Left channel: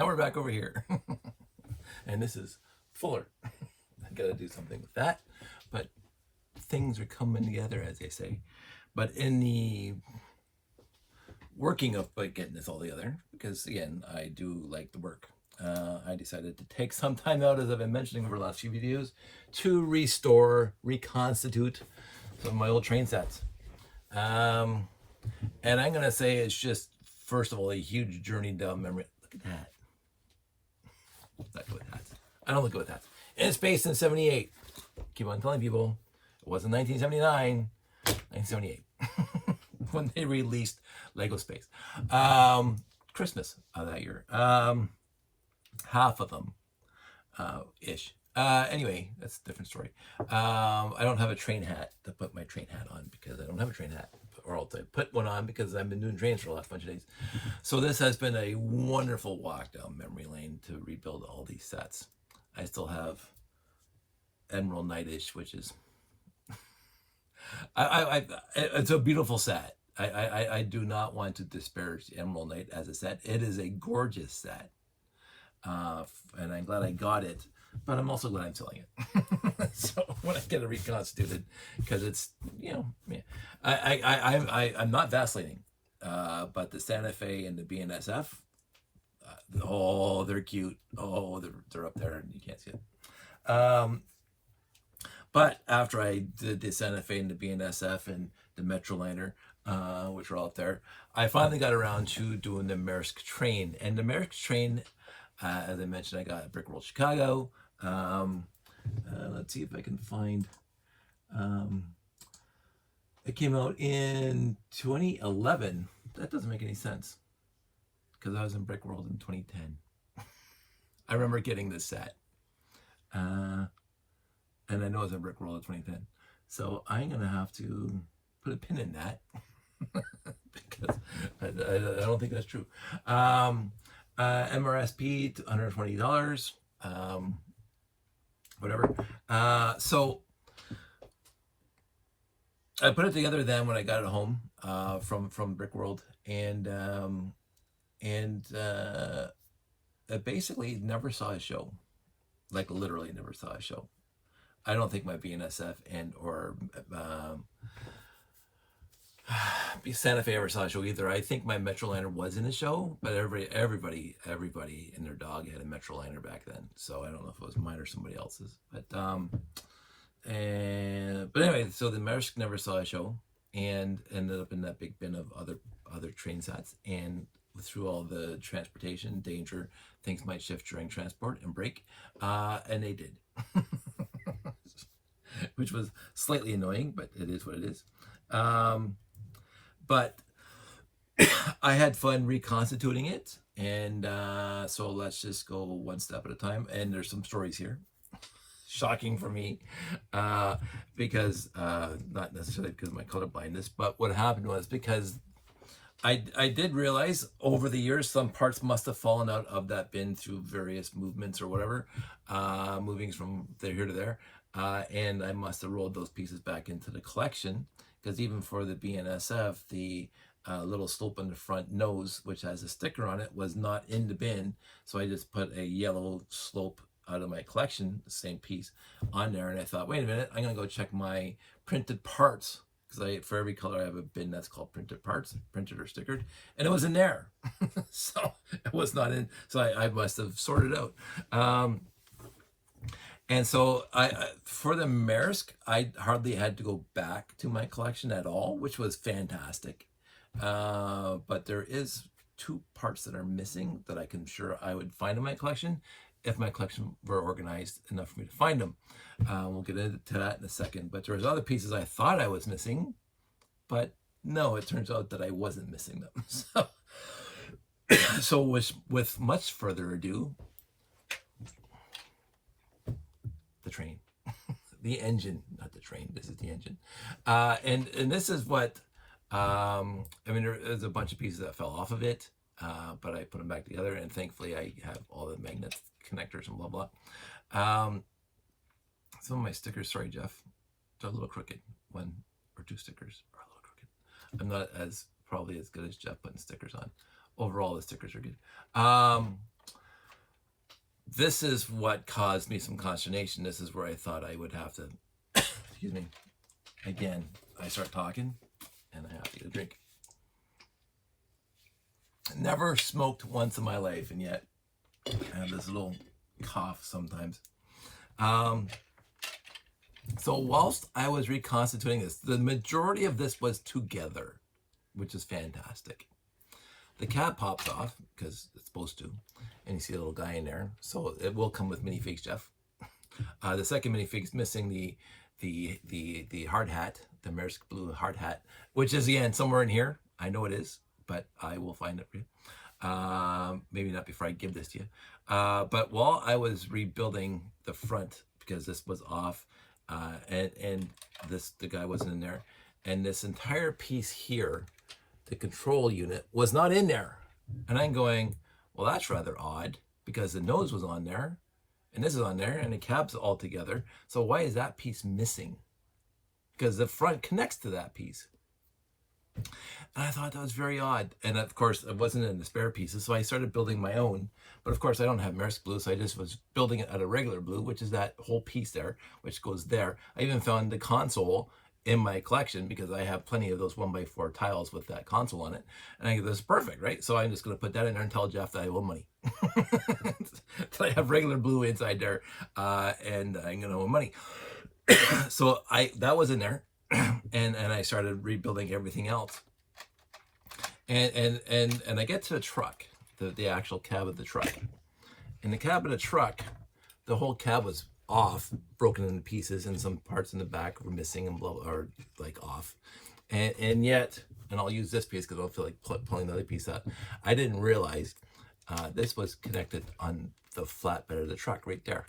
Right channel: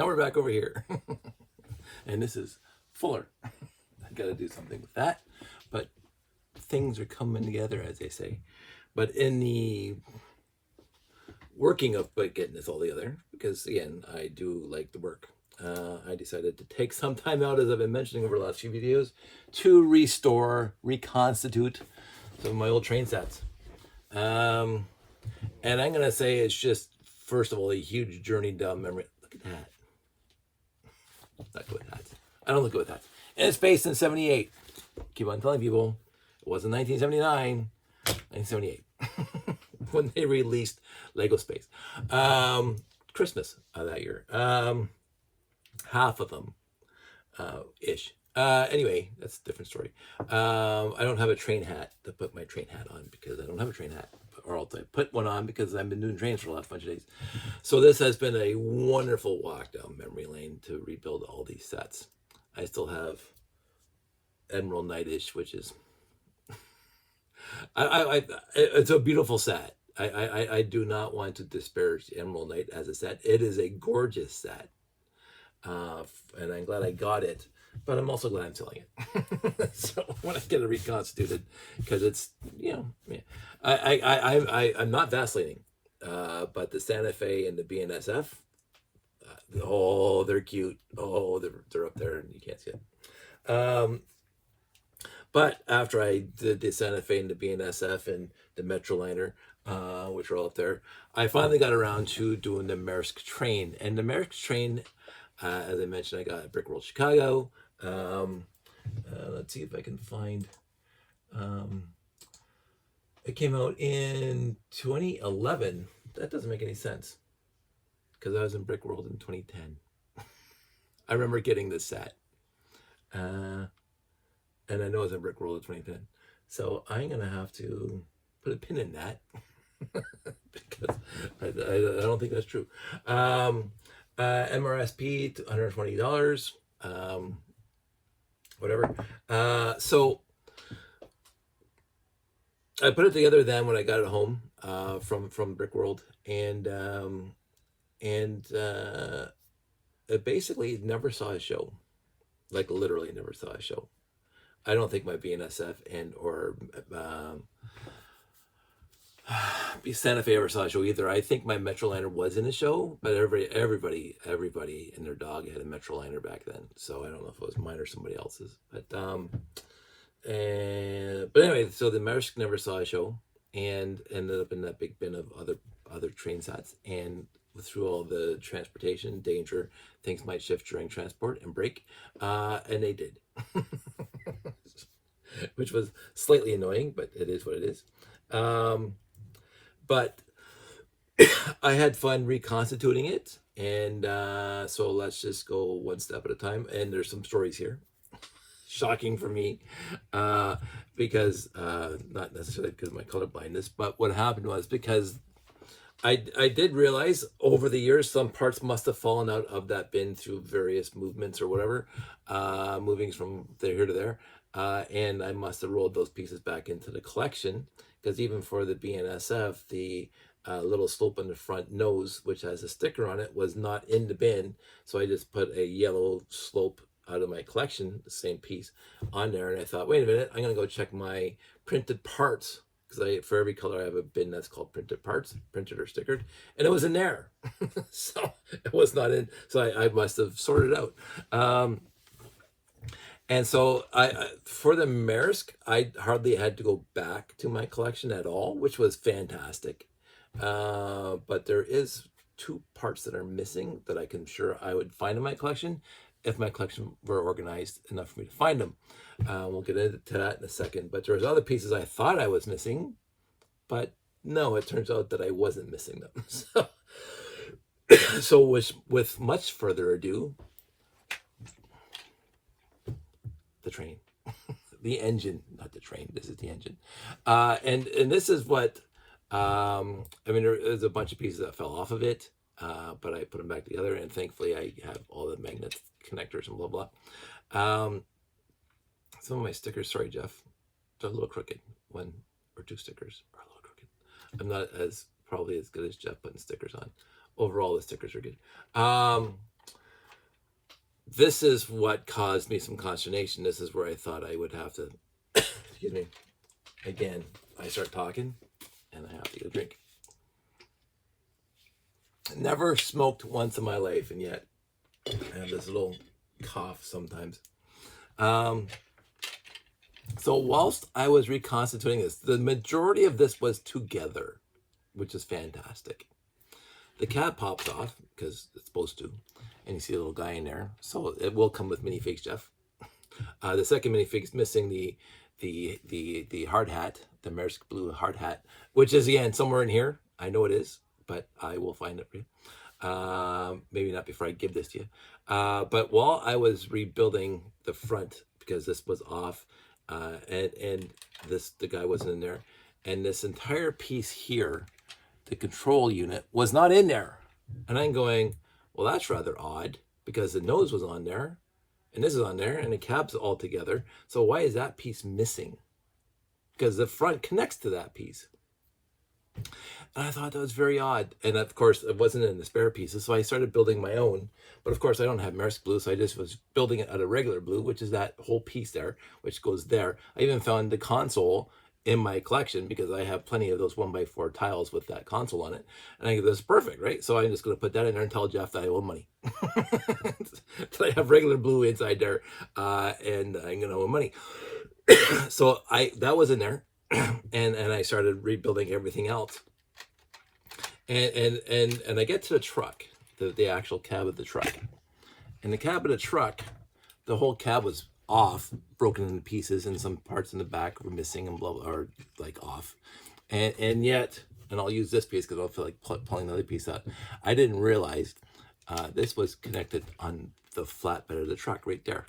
Now we're back over here. And this is fuller. I gotta do something with that. But things are coming together, as they say. But in the working of getting this all together, because again, I do like the work, I decided to take some time out, as I've been mentioning over the last few videos, to reconstitute some of my old train sets. And I'm going to say it's just, first of all, a huge journey down memory. Look at that. Not good with hats. I don't look good with hats. And it's based in 78. Keep on telling people, it wasn't 1979, 1978. When they released Lego Space. Christmas of that year. Half of them, ish. Anyway, that's a different story. I don't have a train hat to put my train hat on because I don't have a train hat. Or else I put one on because I've been doing trains for the last bunch of days. So this has been a wonderful walk down memory lane to rebuild all these sets. I still have Emerald Knight-ish, which is... it's a beautiful set. I do not want to disparage Emerald Knight as a set. It is a gorgeous set. And I'm glad I got it, but I'm also glad I'm selling it. So when I get it reconstituted, because it's, you know, yeah. I'm not vacillating, but the Santa Fe and the BNSF, oh, they're cute. Oh, they're up there and you can't see it. But after I did the Santa Fe and the BNSF and the Metroliner, which are all up there, I finally got around to doing the Maersk Train. And the Maersk Train, as I mentioned, I got at Brick World Chicago. Let's see if I can find... it came out in 2011. That doesn't make any sense, because I was in Brick World in 2010. I remember getting this set. And I know it's in Brick World in 2010. So I'm going to have to put a pin in that. Because I don't think that's true. MRSP, $120. Whatever. So I put it together then when I got it home from Brick World. And it basically never saw a show. Like literally never saw a show. I don't think my BNSF and or Santa Fe ever saw a show either. I think my Metroliner was in a show, but everybody and their dog had a Metroliner back then. So I don't know if it was mine or somebody else's. But anyway, so the Maersk never saw a show and ended up in that big bin of other train sets. And through all the transportation danger, things might shift during transport and break, and they did. Which was slightly annoying, but it is what it is. But I had fun reconstituting it, and so let's just go one step at a time. And there's some stories here, shocking for me, because not necessarily because of my color blindness, but what happened was because I did realize over the years some parts must have fallen out of that bin through various movements or whatever, movings from here to there. And I must have rolled those pieces back into the collection, because even for the BNSF, the little slope on the front nose, which has a sticker on it, was not in the bin. So I just put a yellow slope out of my collection, the same piece, on there. And I thought, wait a minute, I'm going to go check my printed parts, because for every color I have a bin that's called printed parts, printed or stickered, and it was in there. So it was not in. So I must have sorted out. And so for the Maersk, I hardly had to go back to my collection at all, which was fantastic. But there is 2 parts that are missing that I would find in my collection if my collection were organized enough for me to find them. We'll get into that in a second. But there's other pieces I thought I was missing, but no, it turns out that I wasn't missing them. So with much further ado, the train, the engine, not the train, this is the engine. And this is what, I mean, there's a bunch of pieces that fell off of it, but I put them back together, and thankfully I have all the magnet connectors and blah, blah. Some of my stickers, sorry, Jeff, they're a little crooked. 1 or 2 stickers are a little crooked. I'm not probably as good as Jeff putting stickers on. Overall, the stickers are good. this is what caused me some consternation. This is where I thought I would have to, excuse me, again, I start talking and I have to get a drink. Never smoked once in my life, and yet I have this little cough sometimes. So whilst I was reconstituting this, the majority of this was together, which is fantastic. The cab pops off because it's supposed to, and you see a little guy in there. So it will come with minifigs, Jeff. The second minifig's missing the hard hat, the Maersk blue hard hat, which is again somewhere in here. I know it is, but I will find it for you. Maybe not before I give this to you. But while I was rebuilding the front, because this was off, and the guy wasn't in there, and this entire piece here, the control unit, was not in there. And I'm going, well, that's rather odd, because the nose was on there, and this is on there, and the cab's all together. So why is that piece missing? Because the front connects to that piece. And I thought that was very odd. And of course, it wasn't in the spare pieces, so I started building my own. But of course, I don't have Maersk blue, so I just was building it out of regular blue, which is that whole piece there, which goes there. I even found the console in my collection because I have plenty of those 1x4 tiles with that console on it. And I go, this is perfect, right? So I'm just going to put that in there and tell Jeff that I owe money. So I have regular blue inside there, and I'm going to owe money. So that was in there, and I started rebuilding everything else. And I get to the truck, the actual cab of the truck. And the cab of the truck, the whole cab was off, broken into pieces, and some parts in the back were missing and blah, blah, or like off. And yet, and I'll use this piece because I don't feel like pulling the other piece out. I didn't realize this was connected on the flatbed of the truck right there.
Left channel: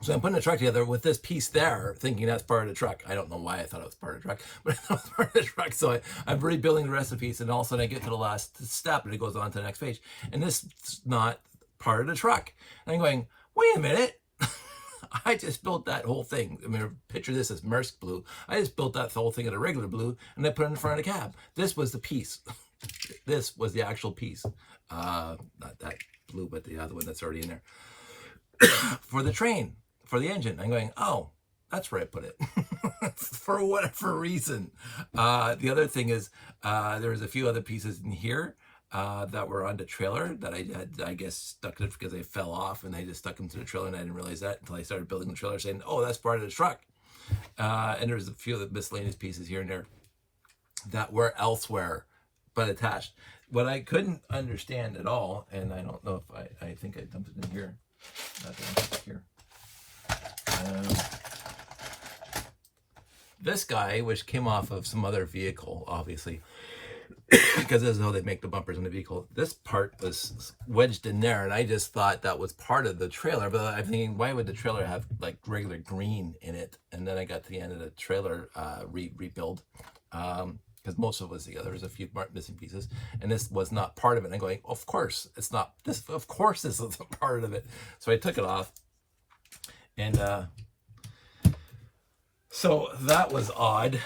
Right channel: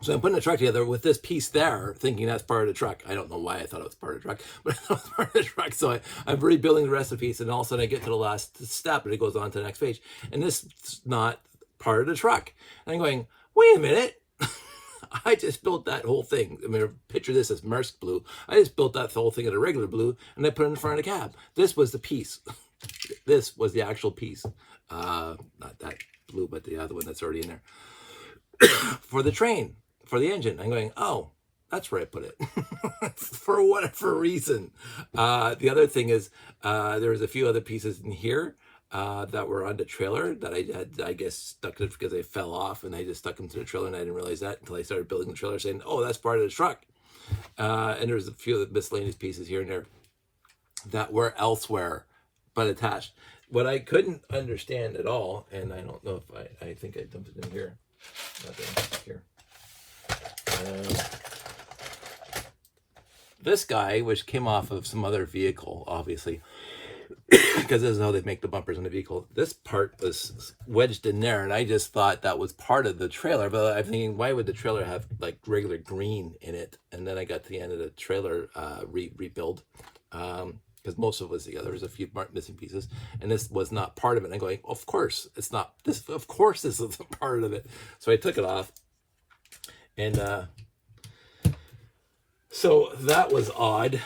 So I'm putting the truck together with this piece there, thinking that's part of the truck. I don't know why I thought it was part of the truck, but I thought it was part of the truck. So I'm rebuilding the rest of the piece, and all of a sudden I get to the last step, and it goes on to the next page. And this is not part of the truck. And I'm going, wait a minute. I just built that whole thing. I mean, picture this as Maersk blue. I just built that whole thing in a regular blue, and I put it in front of the cab. This was the piece. This was the actual piece. Not that blue, but the other one that's already in there. For the train. For the engine. I'm going, oh, that's where I put it. For whatever reason. The other thing is, there was a few other pieces in here that were on the trailer that I had, I guess, stuck it because they fell off, and I just stuck them to the trailer, and I didn't realize that until I started building the trailer, saying, oh, that's part of the truck. And there was a few of the miscellaneous pieces here and there that were elsewhere, but attached. What I couldn't understand at all, and I don't know if I think I dumped it in here. Here. This guy, which came off of some other vehicle, obviously, because this is how they make the bumpers in the vehicle. This part was wedged in there, and I just thought that was part of the trailer. But I'm thinking, why would the trailer have like regular green in it? And then I got to the end of the trailer rebuild, because most of it was together. There was a few missing pieces, and this was not part of it. And I'm going, of course it's not. This, of course, this is a part of it. So I took it off. And so that was odd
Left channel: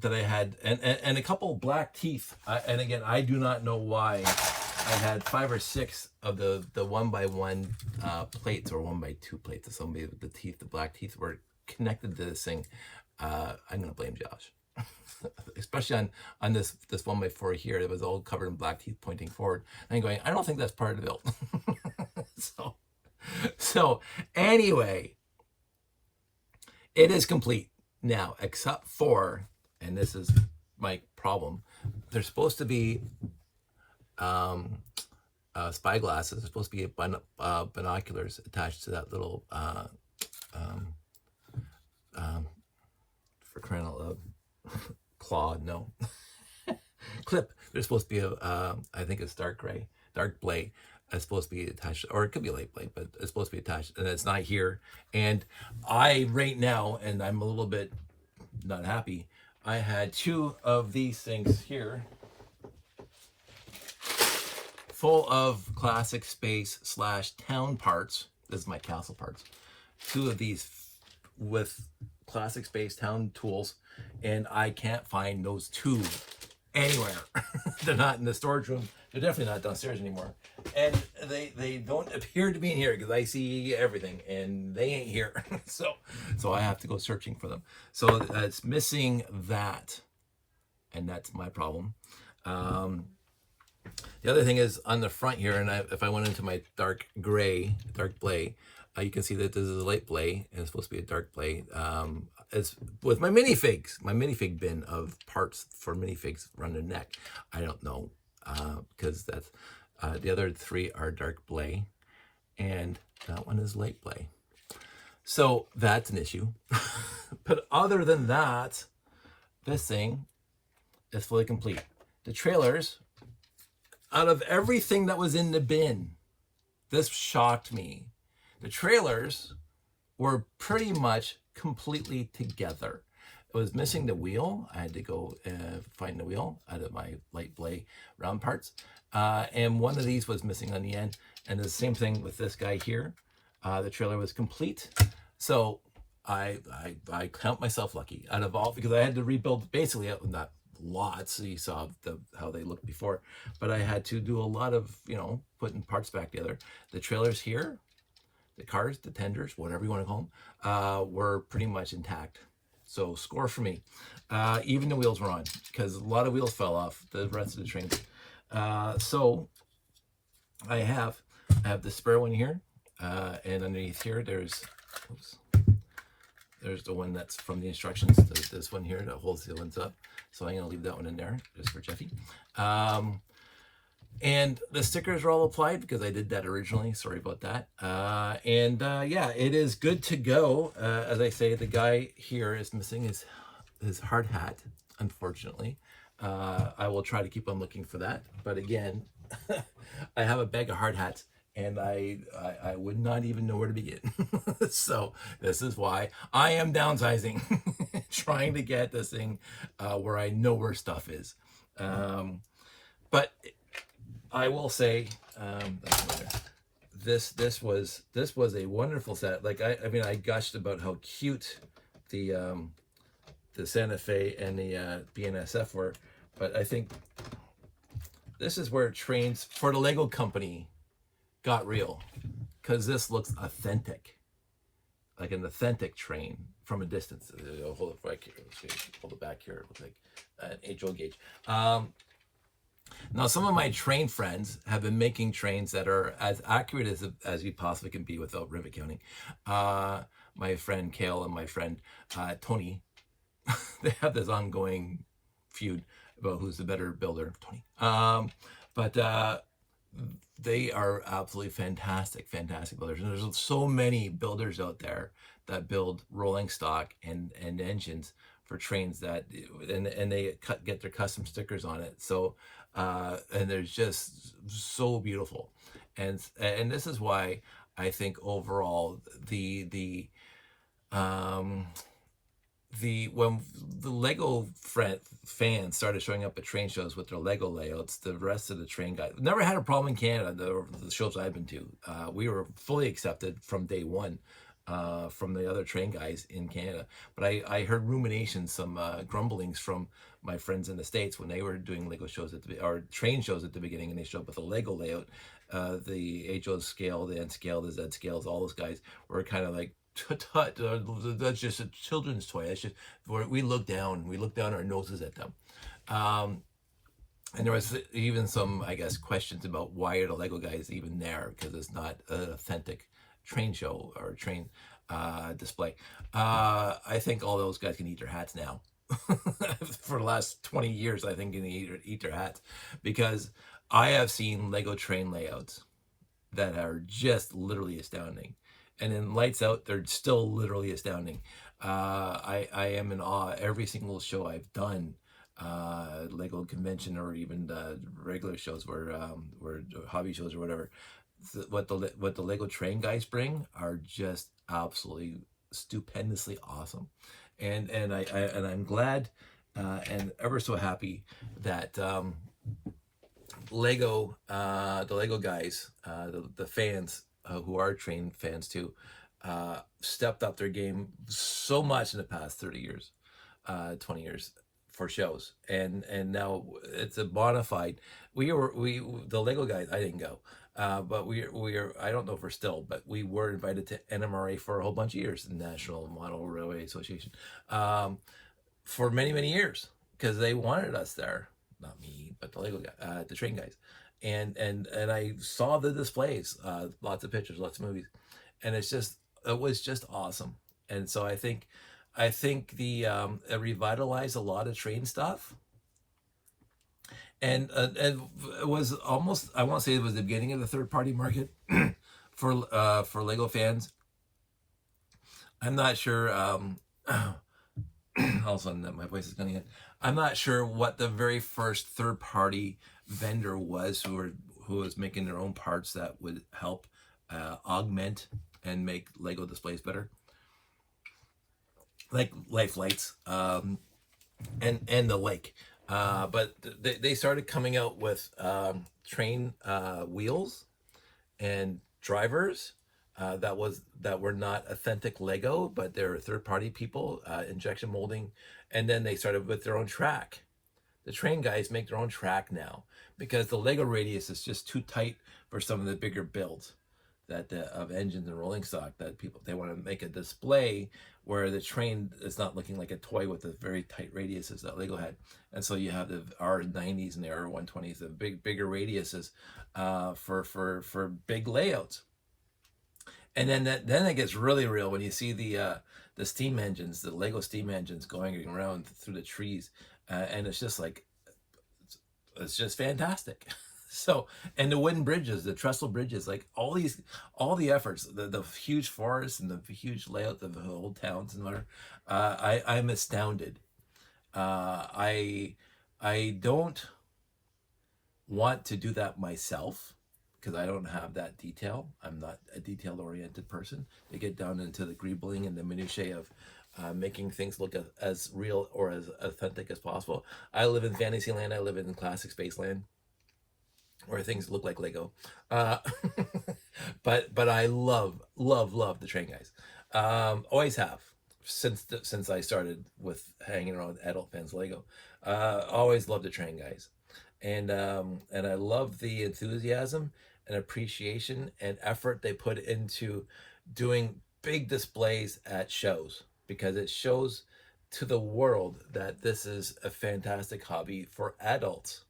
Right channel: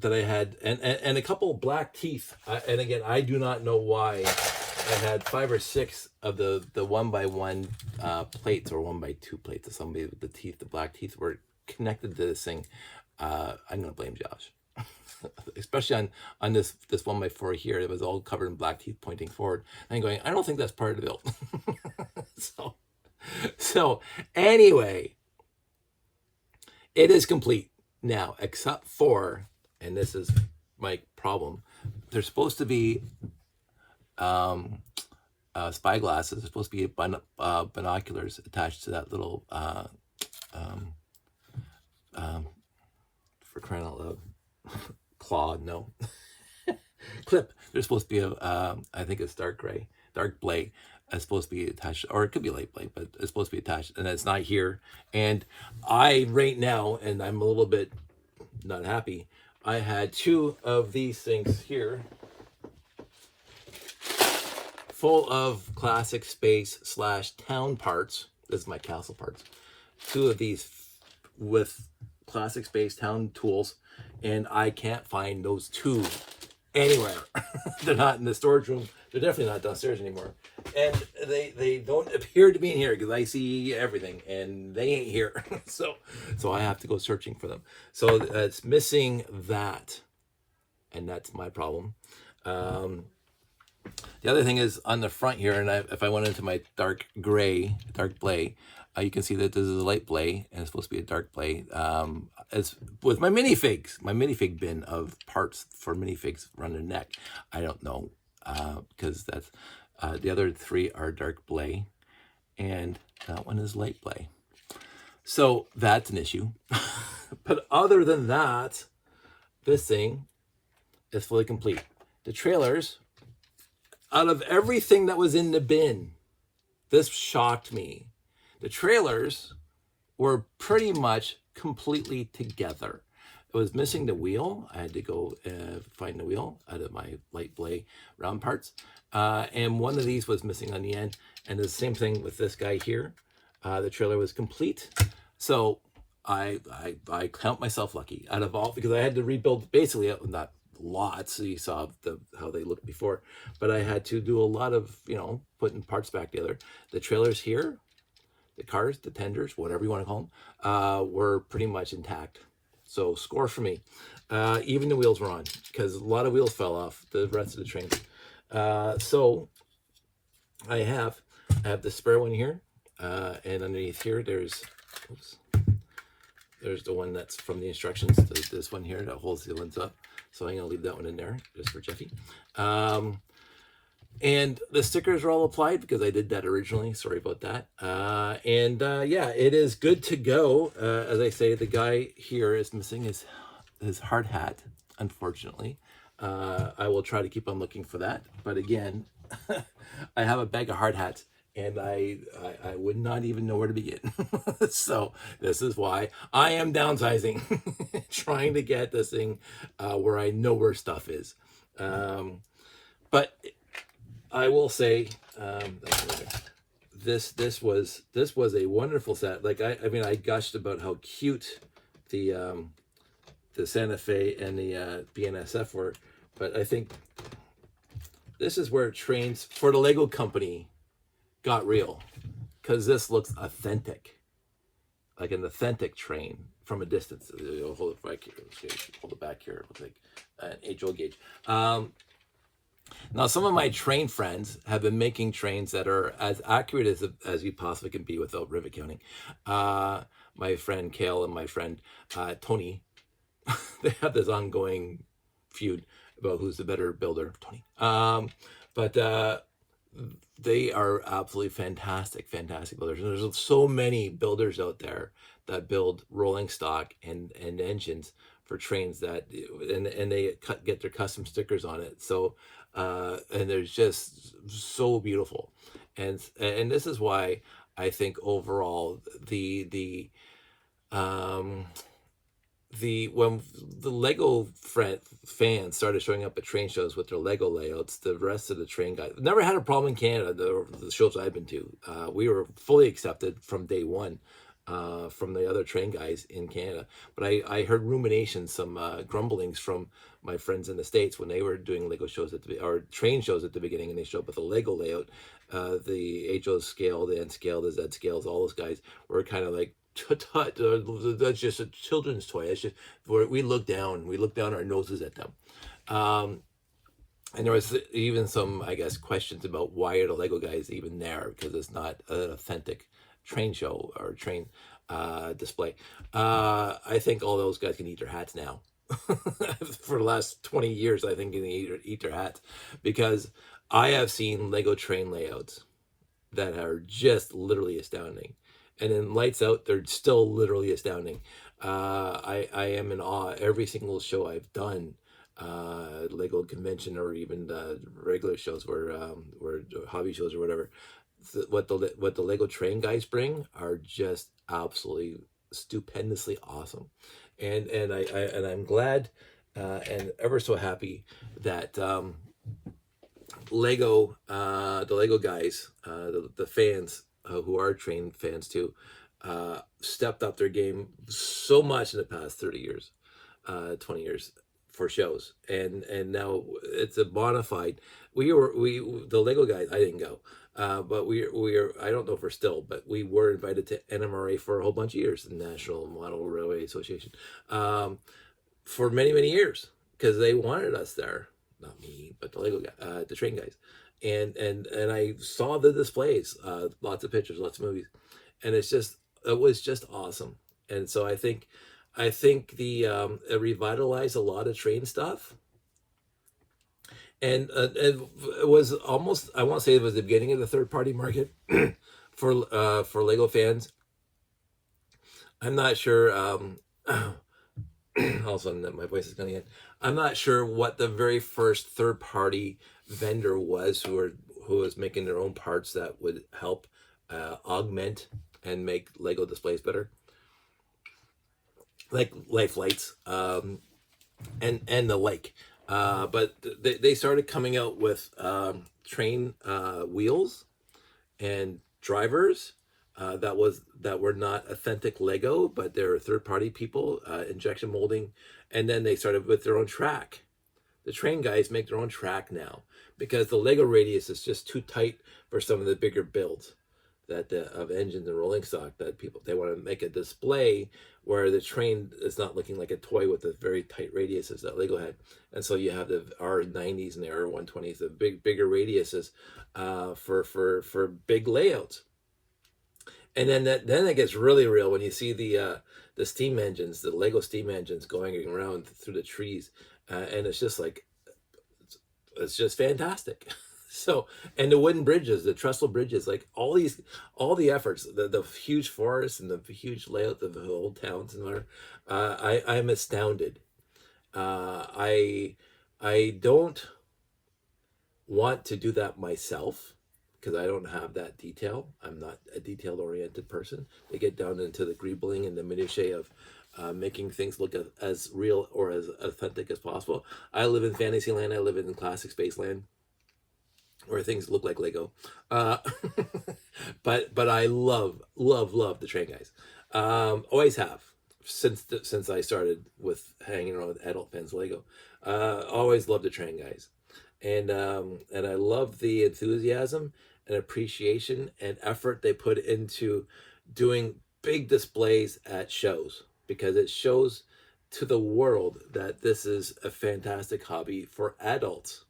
that I had, and a couple black teeth. And again, I do not know why I had 5 or 6 of the 1x1 plates, or 1x2 plates of somebody with the teeth, the black teeth were connected to this thing. I'm going to blame Josh, especially on this 1x4 here. It was all covered in black teeth pointing forward. And I'm going, I don't think that's part of the build. So anyway, it is complete now, except for, and this is my problem, there's supposed to be spy glasses. There's supposed to be binoculars attached to that little, for crying out loud, claw, no, clip. There's supposed to be I think it's dark blade. It's supposed to be attached, or it could be light blade, but it's supposed to be attached, and it's not here. And I, right now, and I'm a little bit not happy, I had 2 of these things here full of classic space / town parts. This is my castle parts. 2 of these with classic space town tools, and I can't find those 2 anywhere. They're not in the storage room. They're definitely not downstairs anymore. And they don't appear to be in here because I see everything and they ain't here. So I have to go searching for them. So it's missing that, and that's my problem. The other thing is on the front here, and if I went into my dark blay, you can see that this is a light blay, and it's supposed to be a dark blay. As with my minifig bin of parts for minifigs around their neck, I don't know, because that's the other three are dark blay, and that one is light blay. So that's an issue. But other than that, this thing is fully complete. The trailers, out of everything that was in the bin, this shocked me. The trailers were pretty much completely together. It was missing the wheel. I had to go find the wheel out of my light blade round parts. And one of these was missing on the end. And the same thing with this guy here. The trailer was complete. So I count myself lucky out of all, because I had to rebuild basically, not lots, you saw how they looked before, but I had to do a lot of, putting parts back together. The trailers here, the cars, the tenders, whatever you want to call them, were pretty much intact. So score for me. Even the wheels were on, because a lot of wheels fell off the rest of the train. So I have the spare one here, and underneath here there's the one that's from the instructions. This one here that holds the lens up. So I'm going to leave that one in there just for Jeffy. And the stickers are all applied because I did that originally. Sorry about that. Yeah, it is good to go. As I say, the guy here is missing his hard hat, unfortunately. I will try to keep on looking for that. But again, I have a bag of hard hats, and I would not even know where to begin. So this is why I am downsizing, trying to get this thing where I know where stuff is. But I will say, this was a wonderful set. Like I mean, I gushed about how cute the Santa Fe and the BNSF were, but I think this is where trains for the Lego company got real, because this looks authentic, like an authentic train from a distance. Hold it back here. Hold it back here. It looks like an age-old gauge. Now, some of my train friends have been making trains that are as accurate as you possibly can be without rivet counting. My friend Kale and my friend Tony, they have this ongoing feud about who's the better builder, Tony. But they are absolutely fantastic builders. And there's so many builders out there that build rolling stock and engines for trains that, and they get their custom stickers on it. So, and they're just so beautiful. And this is why I think overall when the Lego fans started showing up at train shows with their Lego layouts, the rest of the train guys never had a problem in Canada. The shows I've been to, we were fully accepted from day one from the other train guys in Canada. But I heard ruminations, some grumblings from my friends in the States when they were doing Lego shows or train shows at the beginning, and they showed up with a Lego layout. The HO scale, the N scale, the Z scales, all those guys were kind of like, that's just a children's toy. That's just we look down our noses at them. And there was even some, I guess, questions about why are the Lego guys even there, because it's not an authentic train show or train display. I think all those guys can eat their hats now. For the last 20 years, I think, can eat their hats, because I have seen Lego train layouts that are just literally astounding. And in Lights Out, they're still literally astounding. I am in awe. Every single show I've done, Lego convention or even regular shows, where hobby shows or whatever, what the Lego train guys bring are just absolutely stupendously awesome. And I'm glad and ever so happy that the Lego guys, the fans, who are train fans too, stepped up their game so much in the past 30 years, 20 years, for shows, and now it's a bona fide. The Lego guys. I didn't go, but we are. I don't know if we're still, but we were invited to NMRA for a whole bunch of years, the National Model Railway Association, for many years, because they wanted us there. Not me, but the Lego guy, the train guys, and I saw the displays, lots of pictures, lots of movies, and it was just awesome. And so I think the it revitalized a lot of train stuff, and it was almost, I won't say it was the beginning of the third party market for Lego fans. I'm not sure. All of a sudden, my voice is coming in. I'm not sure what the very first third party vendor was who was making their own parts that would help augment and make Lego displays better, like life lights, and the like. But they started coming out with train wheels and drivers that were not authentic Lego, but they're third-party people, injection molding, and then they started with their own track. The train guys make their own track now because the Lego radius is just too tight for some of the bigger builds of engines and rolling stock, that they want to make a display where the train is not looking like a toy with the very tight radiuses that Lego had. And so you have the R90s and the R120s, the bigger radiuses for big layouts. And then it gets really real when you see the steam engines, the Lego steam engines going around through the trees, and it's just fantastic. So, and the wooden bridges, the trestle bridges, like all the efforts, the huge forests and the huge layout of the old towns and whatever, I'm astounded. I don't want to do that myself, because I don't have that detail. I'm not a detail-oriented person. They get down into the greebling and the minutiae of making things look as real or as authentic as possible. I live in fantasy land. I live in classic space land, where things look like Lego. But I love the train guys. Always have, since I started with hanging around with adult fans Lego. Always loved the train guys. And I love the enthusiasm and appreciation and effort they put into doing big displays at shows, because it shows to the world that this is a fantastic hobby for adults.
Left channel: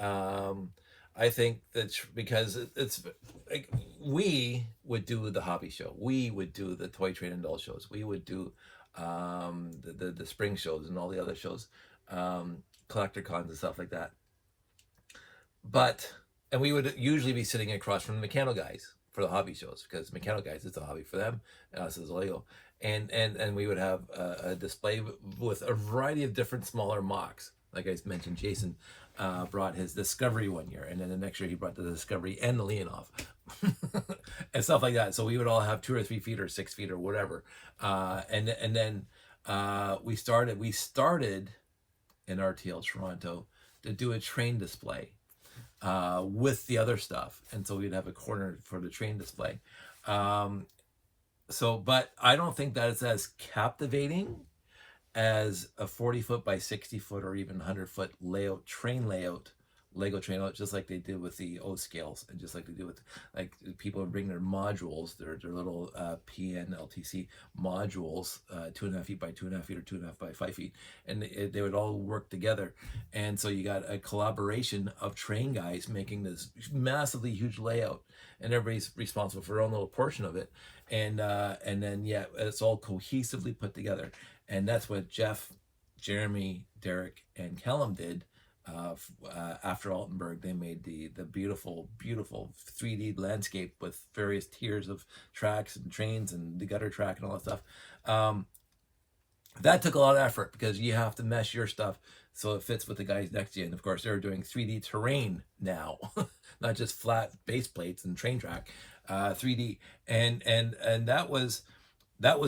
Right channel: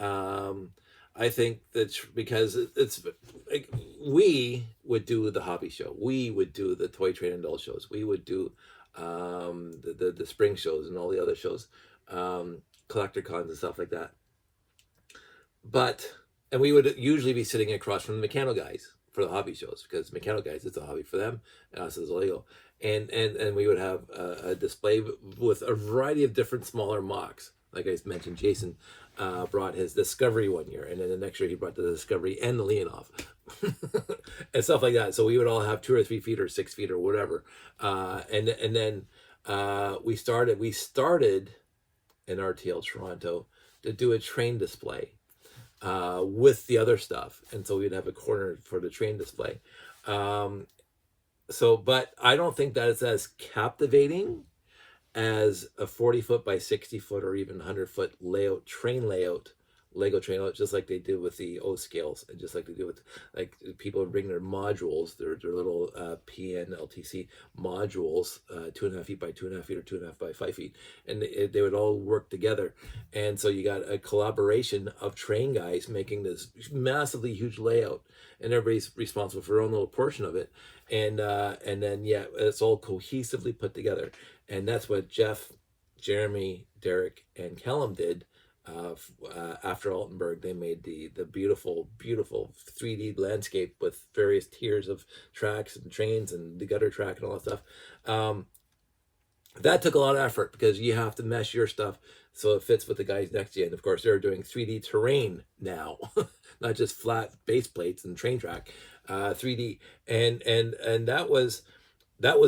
I think that because it's like, we would do the hobby show, we would do the toy train and doll shows, we would do the spring shows and all the other shows, collector cons and stuff like that. And we would usually be sitting across from the mechanical guys for the hobby shows, because mechanical guys, it's a hobby for them, and us as Lego. And we would have a display with a variety of different smaller mocks. Like I mentioned, Jason brought his Discovery one year, and then the next year he brought the Discovery and the Leonov and stuff like that. So we would all have 2 or 3 feet or 6 feet or whatever. And then we started in RTL Toronto to do a train display with the other stuff, and so we'd have a corner for the train display. But I don't think that it's as captivating as a 40-foot by 60-foot or even 100-foot Lego train layout, just like they did with the O scales, and just like they do with, like, people would bring their modules, their little PNLTC modules, 2.5 feet by 2.5 feet or 2.5 by 5 feet, and they would all work together. And so you got a collaboration of train guys making this massively huge layout, and everybody's responsible for their own little portion of it. And then it's all cohesively put together. And that's what Jeff, Jeremy, Derek, and Callum did. After Altenburg, they made the beautiful 3D landscape with various tiers of tracks and trains and the gutter track and all that stuff. That took a lot of effort, because you have to mesh your stuff so it fits with the guys next to you. And of course, they're doing 3D terrain now, not just flat base plates and train track, 3D. And that was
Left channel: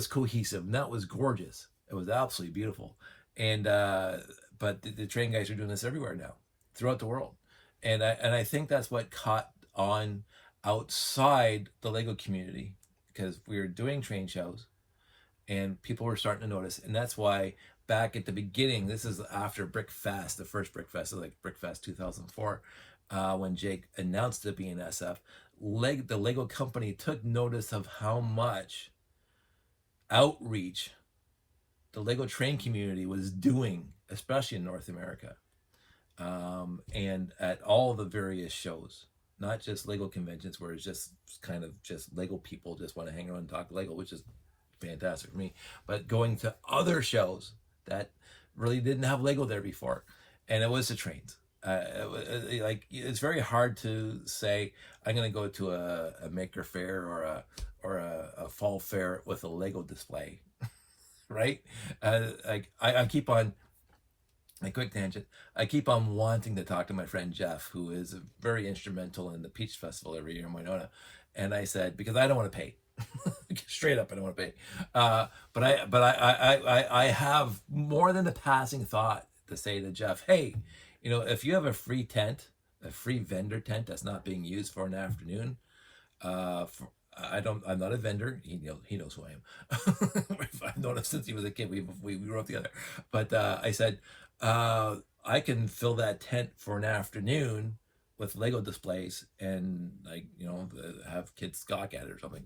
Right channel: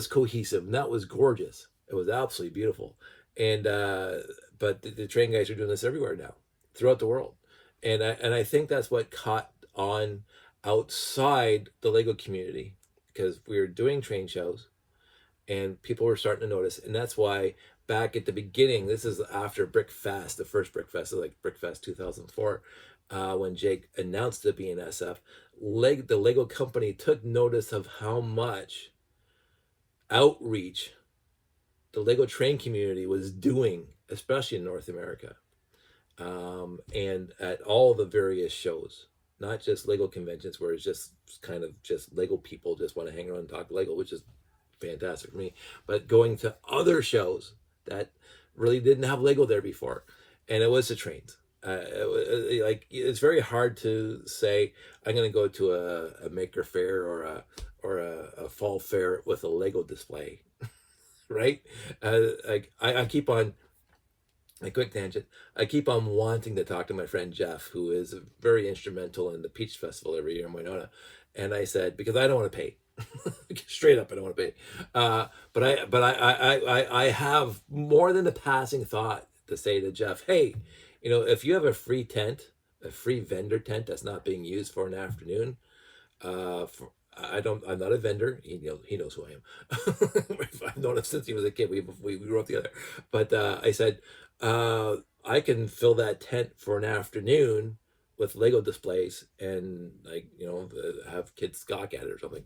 cohesive, and that was gorgeous. It was absolutely beautiful. And but the train guys are doing this everywhere now, throughout the world. And I think that's what caught on outside the Lego community, because we were doing train shows and people were starting to notice. And that's why back at the beginning, this is after Brickfest, the first Brickfest, like Brickfest 2004, when Jake announced the BNSF, the Lego company took notice of how much outreach the Lego train community was doing, especially in North America, and at all the various shows, not just Lego conventions where it's just kind of just Lego people just want to hang around and talk Lego, which is fantastic for me, but going to other shows that really didn't have Lego there before, and it was the trains. Like, it's very hard to say I'm going to go to a maker fair or a fall fair with a Lego display, right? Like I keep on, a quick tangent, I keep on wanting to talk to my friend Jeff, who is very instrumental in the Peach Festival every year in Winona, and I said, because I don't want to pay. Straight up, I don't want to pay. But I have more than a passing thought to say to Jeff, hey, if you have a free tent, a free vendor tent that's not being used for an afternoon, I'm not a vendor. He knows who I am. I've known him since he was a kid. We grew up together. But I said, I can fill that tent for an afternoon with Lego displays and, like, have kids gawk at it or something,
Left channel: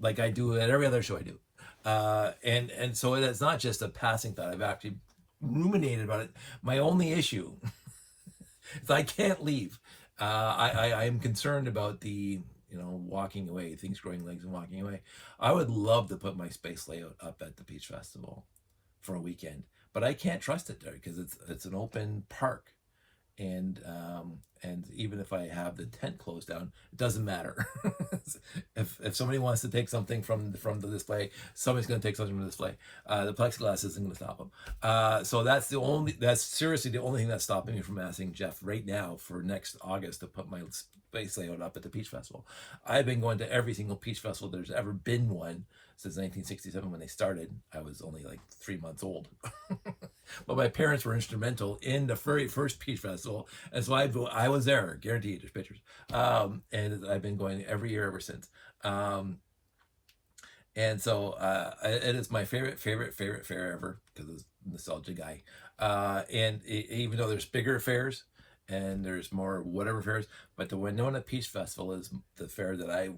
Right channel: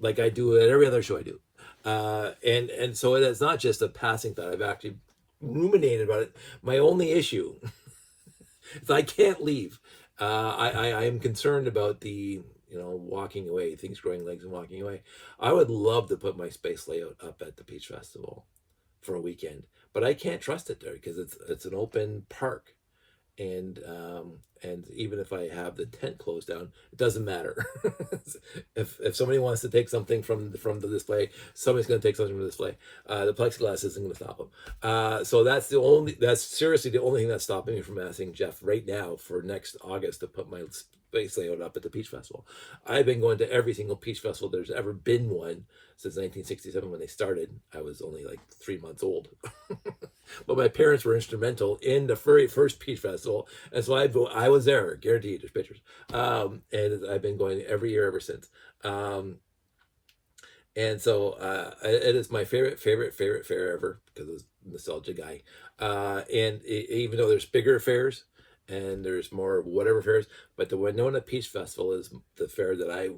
like I do at every other show I do, and so it's not just a passing thought. I've actually ruminated about it. My only issue is I can't leave. I am concerned about the walking away, things growing legs and walking away. I would love to put my space layout up at the Peach Festival for a weekend, but I can't trust it there because it's an open park. And even if I have the tent closed down, it doesn't matter. if somebody wants to take something from the display, somebody's going to take something from the display. The plexiglass isn't going to stop them. So that's seriously the only thing that's stopping me from asking Jeff right now for next August to put my space layout up at the Peach Festival. I've been going to every single Peach Festival there's ever been one since 1967 when they started. I was only like 3 months old. But my parents were instrumental in the very first Peach Festival, and so I was there, guaranteed. There's pictures, and I've been going every year ever since. And so it is my favorite fair ever because of nostalgia guy. And even though there's bigger fairs and there's more whatever fairs, but the Winona Peach Festival is the fair that I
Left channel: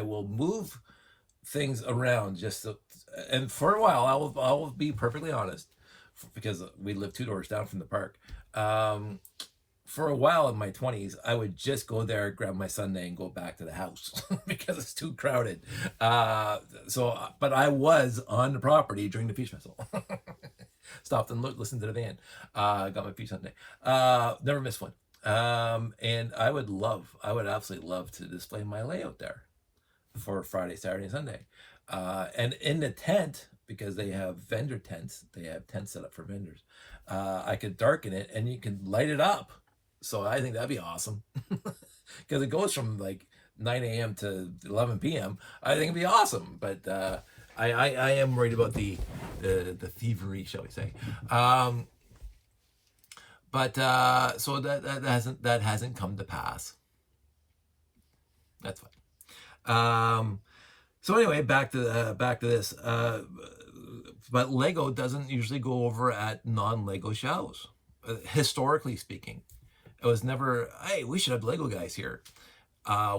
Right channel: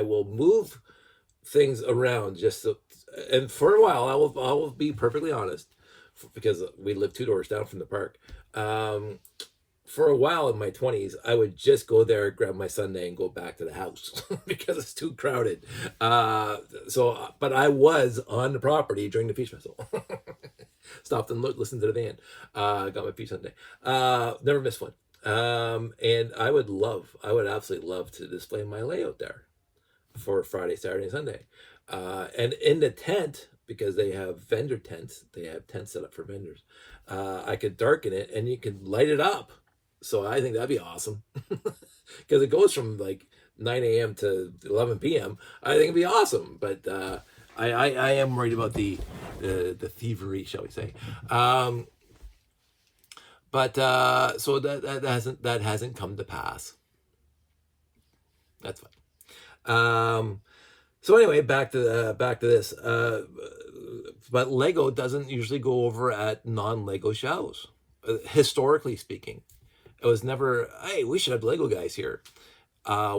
will move things around just so, and for a while I will be perfectly honest, because we live 2 doors down from the park. For a while in my 20s, I would just go there, grab my sundae, and go back to the house because it's too crowded. But I was on the property during the Peach Festival. Stopped and listened to the band. Got my peach sundae. Never missed one. And I would absolutely love to display my layout there for Friday, Saturday, and Sunday. And in the tent, because they have vendor tents, they have tents set up for vendors. I could darken it and you can light it up. So I think that'd be awesome because it goes from like 9 a.m. to 11 p.m. I think it'd be awesome. But I am worried about the thievery, shall we say. So that hasn't come to pass. That's fine. So anyway, back to this. But Lego doesn't usually go over at non-Lego shows. Historically speaking, it was never, hey, we should have Lego guys here.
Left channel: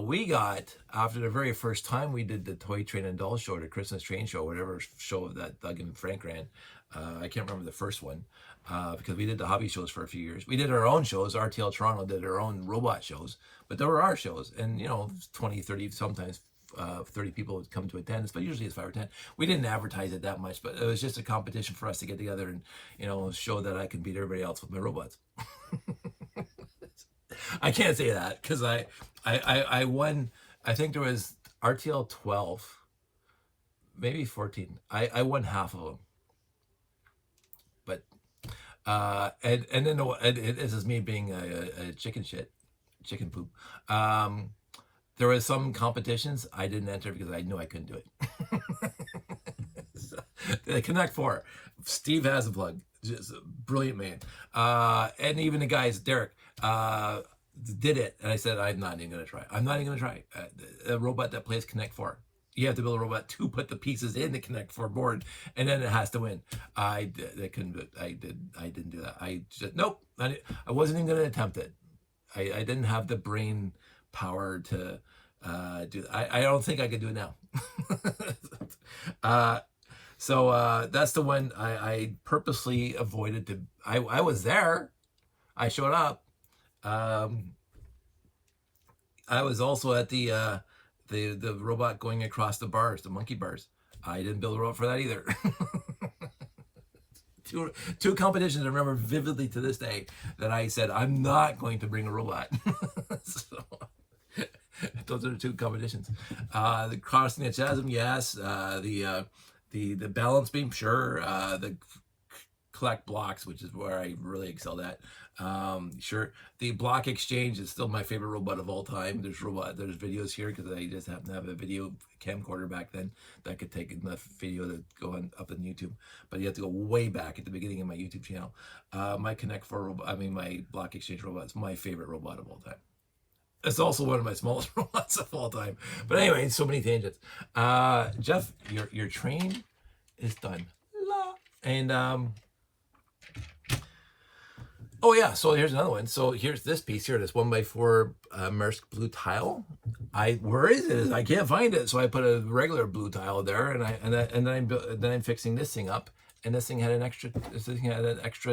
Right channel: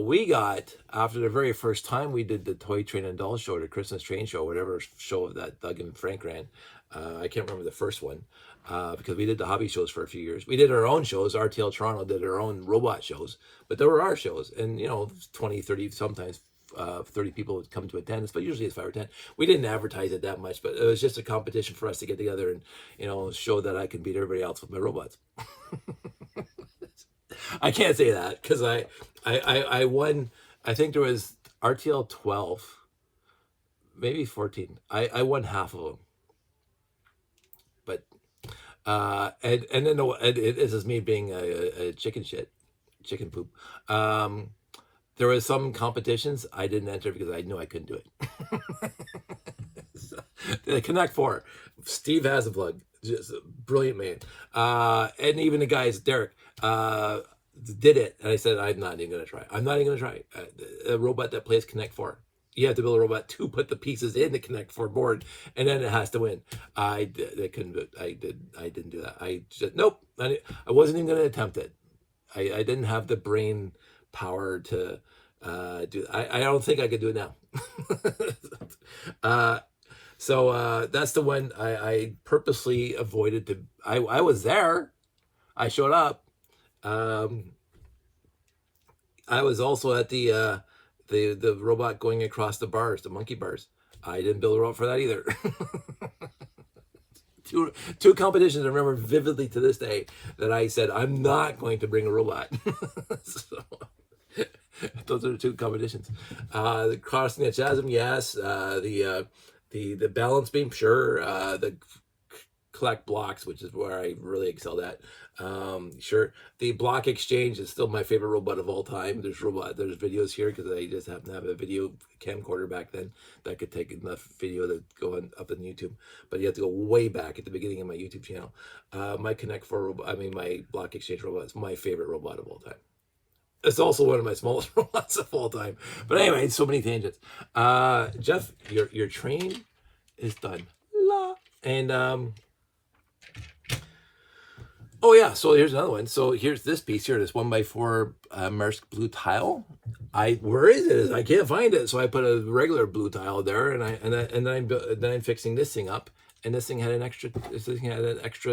We got, after the very first time we did the Toy Train and Doll Show, the Christmas Train Show, whatever show that Doug and Frank ran. I can't remember the first one because we did the hobby shows for a few years. We did our own shows. RTL Toronto did our own robot shows, but there were our shows. And, 20, 30, sometimes 30 people would come to attend, but usually it's 5 or 10. We didn't advertise it that much, but it was just a competition for us to get together and, show that I can beat everybody else with my robots. I can't say that because I won, I think there was RTL 12, maybe 14. I won half of them. But, and then this is me being a chicken poop. There was some competitions I didn't enter because I knew I couldn't do it. The Connect 4, Steve Hasselplug, just a brilliant man. And even the guys, Derek, did it. And I said, I'm not even going to try. I'm not even going to try. A robot that plays Connect 4. You have to build a robot to put the pieces in the Connect 4 board, and then it has to win. I couldn't do it. I didn't do that. I just, nope. I wasn't even going to attempt it. I didn't have the brain power to do. I don't think I could do it now. So that's the one I purposely avoided to. I was there. I showed up. I was also at the robot going across the bars, the monkey bars. I didn't build a robot for that either. two competitions I remember vividly to this day that I said I'm not going to bring a robot. So, those are the 2 competitions. The crossing the chasm, yes. The balance beam, sure. The collect blocks, which is where I really excelled at. Sure. The block exchange is still my favorite robot of all time. There's videos here because I just happen to have a video camcorder back then that could take enough video to go up on YouTube. But you have to go way back at the beginning of my YouTube channel. My Connect 4 robot, my block exchange robot is my favorite robot of all time. It's also one of my smallest robots of all time. But anyway, so many tangents. Jeff, your train is done. And oh yeah, so here's another one. So here's this piece here, this 1x4 Maersk blue tile. Where is it? I can't find it. So I put a regular blue tile there, and then I'm fixing this thing up, and this thing had an extra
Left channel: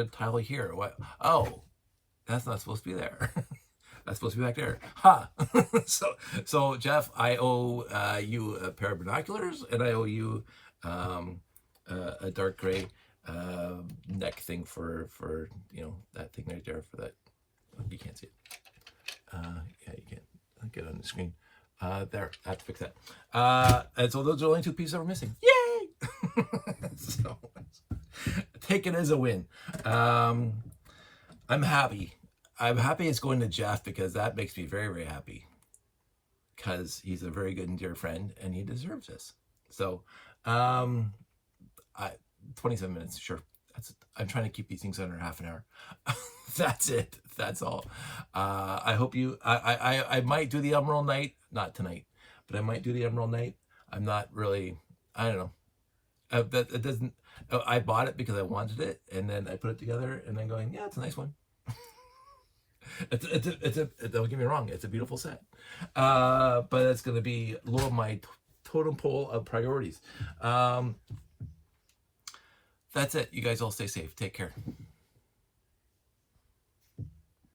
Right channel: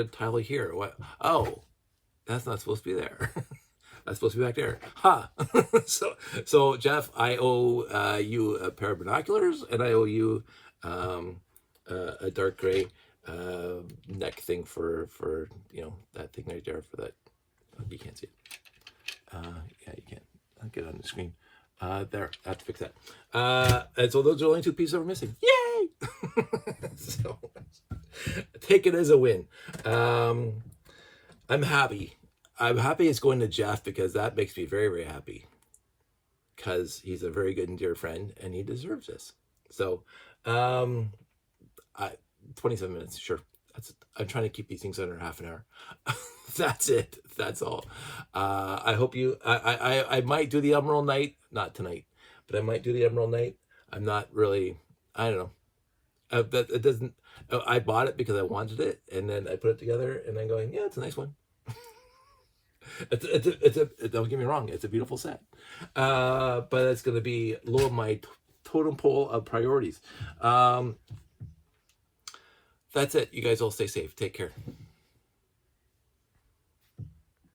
tile here. What? Oh, that's not supposed to be there. That's supposed to be back there. Ha! So Jeff, I owe you a pair of binoculars, and I owe you a dark gray neck thing for that thing right there for that. You can't see it. Yeah, you can't. I'll get it on the screen. There, I have to fix that. And so those are the only 2 pieces that were missing. Yay! So take it as a win. I'm happy. I'm happy it's going to Jeff because that makes me very, very happy. Because he's a very good and dear friend, and he deserves this. So, 27 minutes, sure. I'm trying to keep these things under half an hour. That's it. That's all. I hope you. I might do the Emerald Night, not tonight, but I might do the Emerald Night. I'm not really. I don't know. That it doesn't. I bought it because I wanted it, and then I put it together, and I'm going, yeah, it's a nice one. Don't get me wrong, it's a beautiful set, but it's going to be low on my totem pole of priorities. That's it. You guys all stay safe. Take care.